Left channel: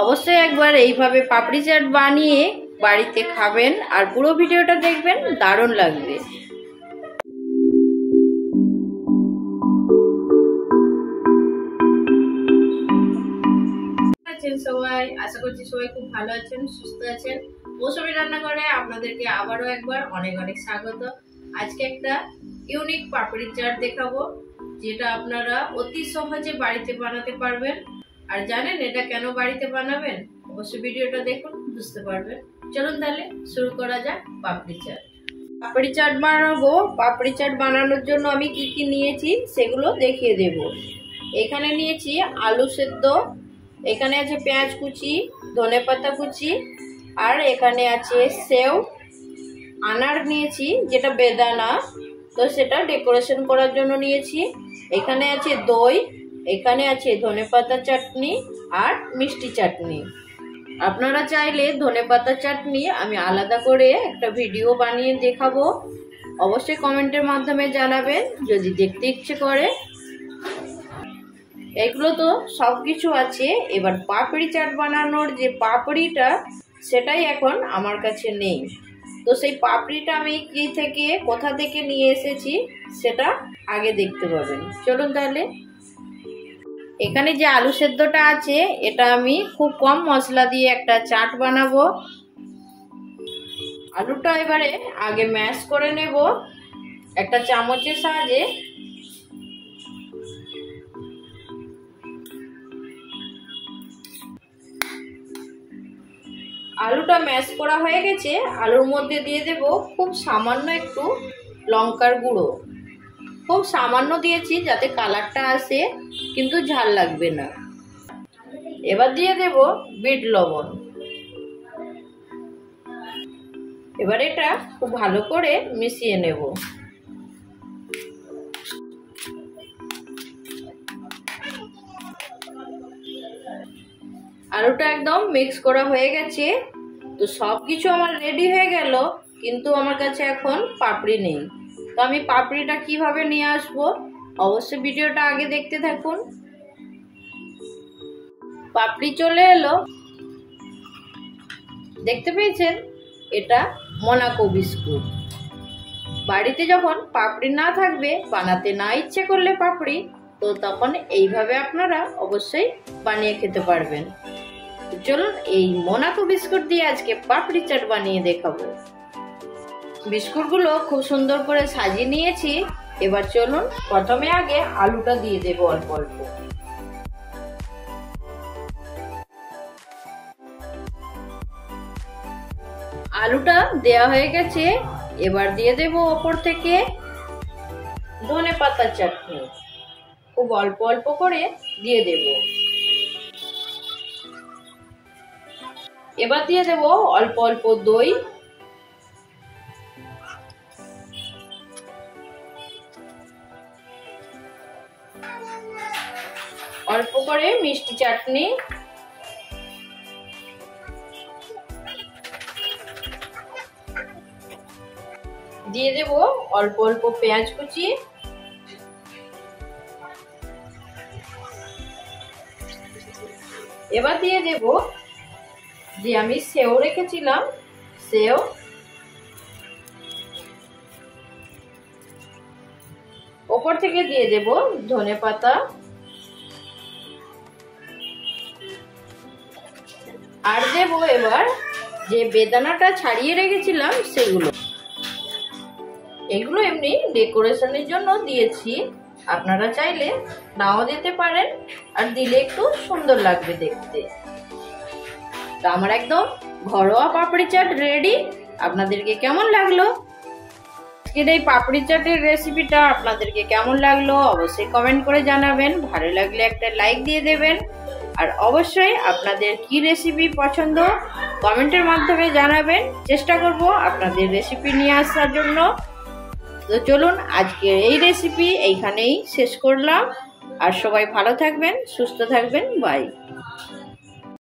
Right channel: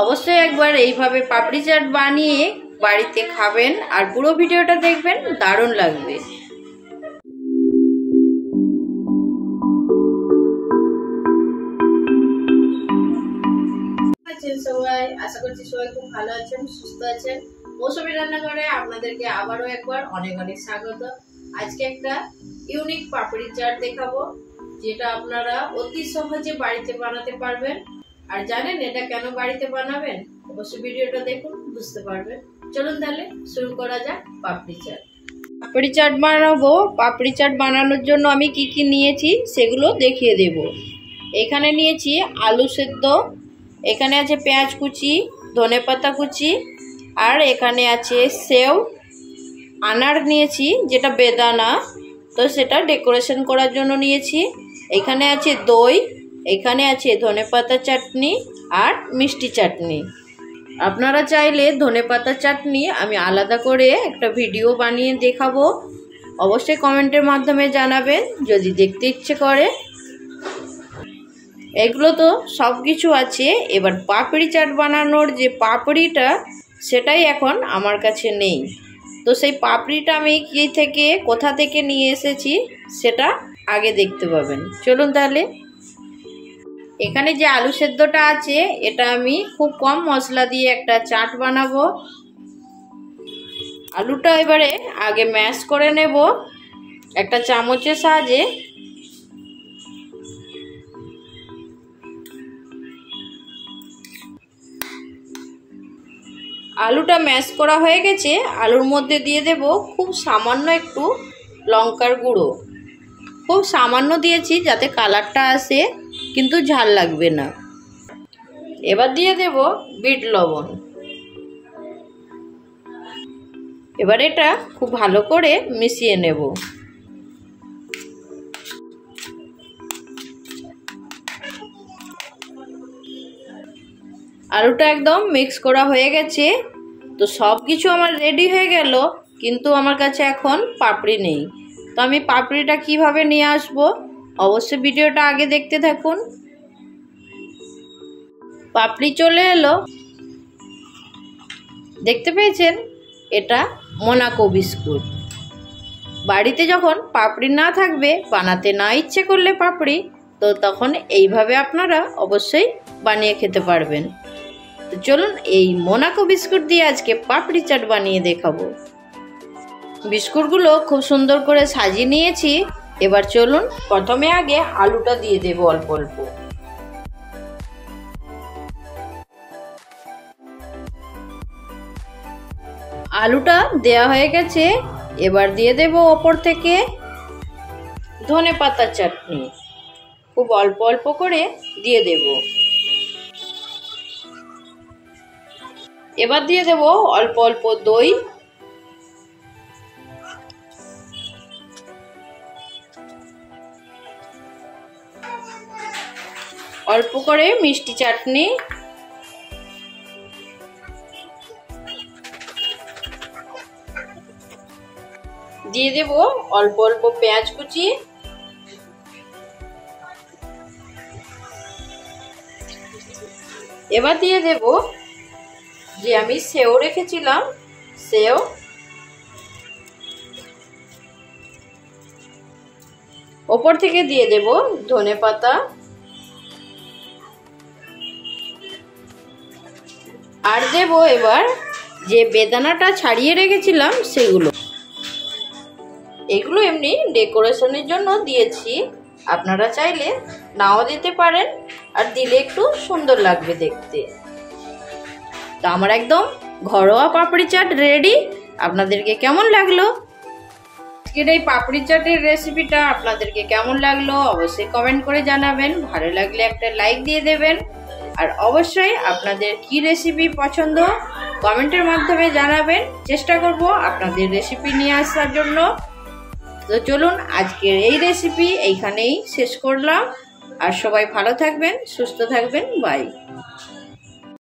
অবশ্যই একবার এইভাবে পাপড়ি চাট বানিয়ে বাড়িতে খাবেন আর পুরো ভিডিওটা দেখবেন, দারুণ লাগবে। সবাই আশা করছি সবাই খুব ভালো আছেন, সুস্থ আছেন। মৌসুমী রান্নাঘরে আপনাদেরকে আবারও একবার অনেক অনেক স্বাগত। আজকে একটা ইউনিক পাপড়ি চাট দেখাবো, যেটা আপনারা অতি সহজে বাড়িতে বানাতে পারবেন। আর জানেন এটা কেন বাড়িতে বানাবেন? অবশ্যই ভিডিওটা দেখুন, বুঝতে পারবেন। চলুন তাহলে শুরু করা যাক পাপড়ি চাট। পাপড়ি চাট বানাবো। পাপড়ি চাট বানানোর জন্য আমি কি কি নিয়েছি সেগুলো দেখিয়ে দেব। এখানে নিয়েছি আলু সেদ্ধ, এখানে আছে পেঁয়াজ কুচি, ধনেপাতা কুচি, আর এখানে আছে সেও, আনার নিয়েছি যেটা বেদানা, তো সেটা ডেকোরেশন করার জন্য নিয়েছি। এখানে আছে দই, এখানে আছে ধনেপাতা চাটনি আর মিষ্টি চাটনি। আপনারা চাইলে ধনেপাতা চাটনি আমি আলাদা করে একটা ভিডিও বানিয়ে দেখাবো, অবশ্যই কমেন্টের মাধ্যমে জানাবেন যদি দেখতে ইচ্ছে করে। এগুলো তো সব কিছু আছে। এবার পাপড়ি চাট বানানোর যে পাপড়িটা, সেটাই এখন আমার কাছে নেই। তো সেই পাপড়িটা আমি কোথা থেকে নিয়ে এসেছি সেটা আগে দেখতে পাবেন। চলুন তাহলে। এখানে যে আলু সেদ্ধটা আছে, এটা আমি খুব কম মশলা দিয়ে একটা চাট বানাবো। আলুটা এবারে আগে ম্যাশ করে নেব একটা চামচের সাহায্যে। আলুটা ম্যাশ করা হয়ে গেছে। আলুর মধ্যে দিয়ে দেব খুব সামান্য একটু লঙ্কার গুঁড়ো, খুব সামান্য দিয়েছি যাতে কালারটা আসে, কিন্তু ঝাল লাগবে না। এবার দিয়ে দেব বিট লবণ। এবার এটা খুব ভালো করে মিশিয়ে নেব। আলুটা একদম মিক্স করা হয়ে গেছে। তো সব কিছু আমার রেডি হয়ে গেল, কিন্তু আমার কাছে এখন পাপড়ি নেই। তো আমি পাপড়িটা কিভাবে নিয়ে আসব, অবশ্যই ভিডিওটা আগে দেখতে থাকুন। পাপড়ি চলে এলো, দেখতে পেয়েছেন? এটা মোনাকো বিস্কুট। বাড়িতে যখন পাপড়ি না থাকবে, বানাতে না ইচ্ছে করলে পাপড়ি, তো তখন এইভাবে আপনারা অবশ্যই বানিয়ে খেতে পারবেন। তো চলুন এই মোনাকো বিস্কুট দিয়ে আজকে পাপড়ি চাট বানিয়ে দেখাবো। বিস্কুটগুলো খুব সুন্দর করে সাজিয়ে নিয়েছি। এবার চলুন প্রথমে আগে আলুটা দিয়ে দেব অল্প অল্প। আলুটা দেওয়া হয়ে গেছে। এবার দিয়ে দেব ওপর থেকে ধনেপাতা চাটনি, খুব অল্প অল্প করে দিয়ে দেব। এবার দিয়ে দেব অল্প অল্প দই, অল্প করে মিষ্টি চাটনি, দিয়ে দেব অল্প অল্প পেঁয়াজ কুচি, এবার দিয়ে দেব যে আমি সেও রেখেছিলাম, সেও, ওপর থেকে দিয়ে দেব ধনেপাতা, আর দেব এবার যে বেদানাটা ছাড়িয়ে রেখেছিলাম সেগুলো। এগুলো এমনি ডেকোরেশনের জন্য দিয়েছি, আপনারা চাইলে নাও দিতে পারেন, আর দিলে একটু সুন্দর লাগবে দেখতে। তো আমার একদম ঘরোয়া পাপড়ি চাট রেডি। আপনাদেরকে কেমন লাগলো আজকের এই পাপড়ি চাটের রেসিপিটা? আপনাদেরকে কেমন লাগলো অবশ্যই কমেন্ট করে জানাবেন। ভালো লাগলে একটা লাইক দিয়ে দেবেন, আর অবশ্যই আপনাদের কি রেসিপি পছন্দ কমেন্টের মাধ্যমে জানাবেন। চেষ্টা করব আপনাদের রেসিপি নিয়ে আসার জন্য। তো চলুন আজকের এই রেসিপি এইখানেই শেষ করলাম। আর সবাই ভালো থাকবেন, সুস্থ থাকবেন। বাই।